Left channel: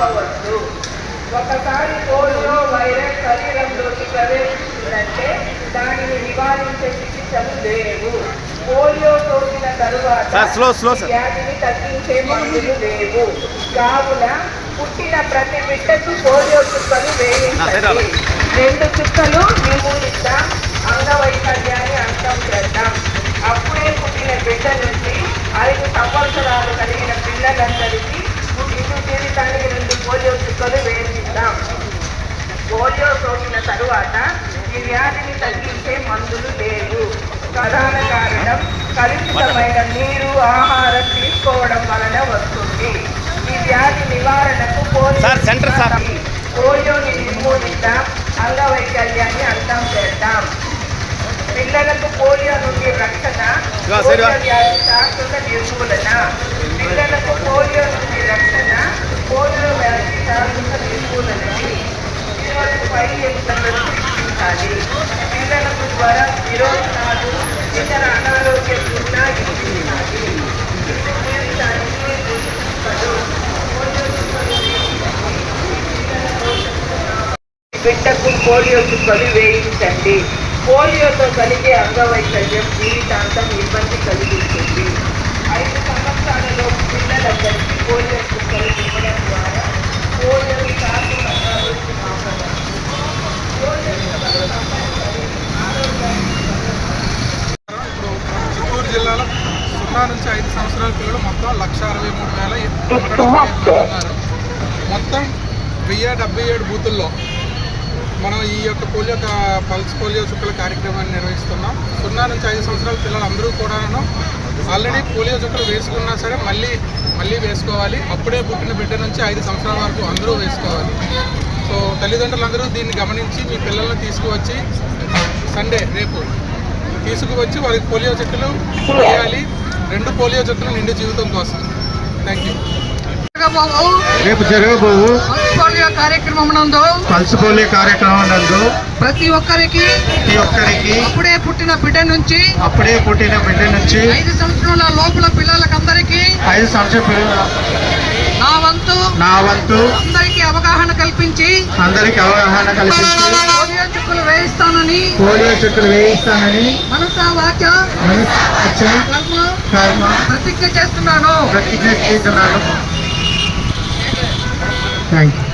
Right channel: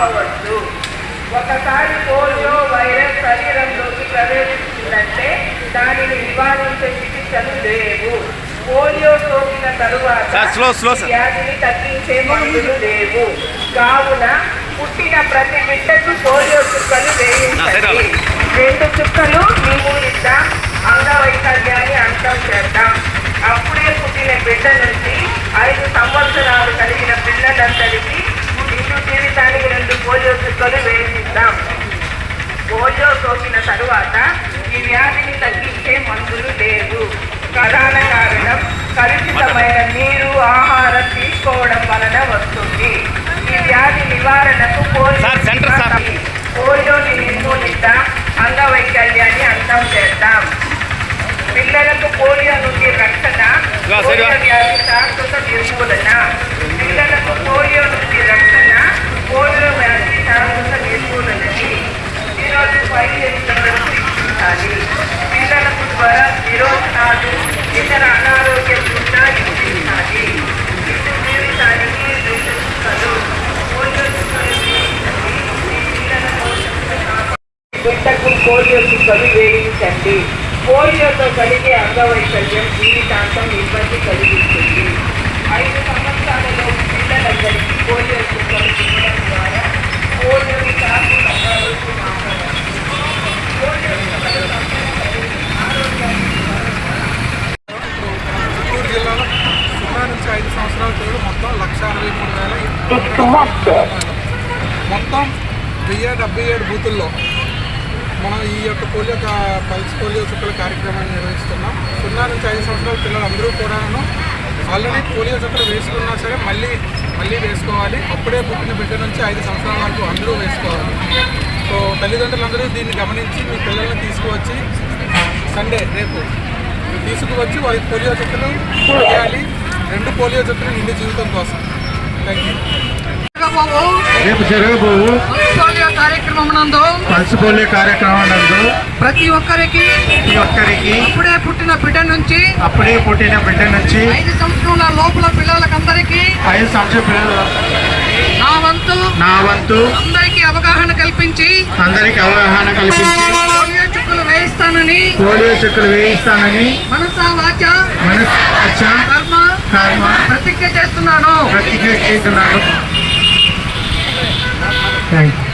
ఆపవచ్చు. ఒకసారి polio virus శరీరంలోకి ప్రవేశించిందంటే దానిని నివారించే చికిత్సలు లేవు. పోలియో సోకిన తరువాత వ్యాధిని తగ్గించే మందులు లేవు. కావున పుట్టిన ప్రతి బిడ్డకు పోలియో చుక్కలు వేయించండి. 2 చుక్కలు నిర్మూలిద్దాం, అంగవైకల్యాన్ని అంతం చేద్దాం. అప్పుడే పుట్టిన బిడ్డ నుంచి 5 సంవత్సరాలు కలిగిన పిల్లలందరికీ నిండు జీవితానికి 2 పోలియో చుక్కలు వేయిద్దాం. పోలియో సోకిన తరువాత ఈ వ్యాధిని తగ్గించే మందులు లేవు. ప్రధాన కారణం కలుషితమైన నీరు, ఆహారం తీసుకోవడం వలన వస్తుంది. ఈ వ్యాధి నివారణకు పోలియోని నిర్మూలిద్దాం, అంగవైకల్యాన్ని అంతం చేద్దాం. పిల్లలకు పోలియో నుండి రక్షణ, పోలియో వ్యాధి శాశ్వత నిర్మూలన. పిల్లలకు పోలియో నుండి రక్షణ, పోలియో వ్యాధి శాశ్వత నిర్మూలనకి 0-5 ఏళ్లకు ఇప్పించాలి. పిల్లలకు జ్వరం, విరోచనాలు, ఇతర అనారోగ్యం ఉన్నా ఇప్పించాలి. జీవితానికి పోలియో చుక్కలు బిడ్డకు పోలియో చుక్కలు వేయించండి. పోలియోతో కలిగే అంగవైకల్యం జీవితాంతం ఇబ్బంది కలిగిస్తుంది. 5 సంవత్సరాలలో పిల్లలందరికీ పోలియో చుక్కలు ఇవ్వడం ద్వారా పోలియోని కాకుండా చిత్తూరు జిల్లాలో 0-5 సంవత్సరాల పిల్లలు మొత్తం 1,63,000 మొత్తం 1077 బూతుల్లో మనం ఈ యొక్క పోలియో పల్స్ పోలియో చుక్కల కార్యక్రమాన్ని నిర్వహిస్తున్నాం. 0-5 సంవత్సరాల పిల్లలు అందరూ కూడాను ఆల్రెడీ పోలియో చుక్కలు వేసుకున్నా సరే మళ్ళీ వేసుకోవాలి. అప్పుడే పుట్టిన బిడ్డ నుంచి 5 సంవత్సరాల వరకు అందరూ వేసుకోవాలి. సో తల్లిదండ్రులందరూ దీన్ని గమనించి మీ పిల్లల్ని తీసుకువచ్చి సండే రేపు తీసుకువచ్చి వారికి పోలియో చుక్కలు వేయాలి. 2 పోలియో చుక్కలు నిండు జీవితం కోసం. Thank you. రేపు జరగబోవు పల్స్ పోలియో కార్యక్రమం నందు ప్రతి ఒక్కరికి అప్పుడే పుట్టిన బిడ్డ నుంచి 5 సంవత్సరాల లోపల పిల్లలకందరికీ 5 సంవత్సరాల పిల్లల నా వంతు అందరికీ అవగాహన కల్పించి పోలియో చుక్కలు వేయిస్తానని మనసా వాచ కర్మ ప్రతిజ్ఞ చేస్తున్నాను. Thank you.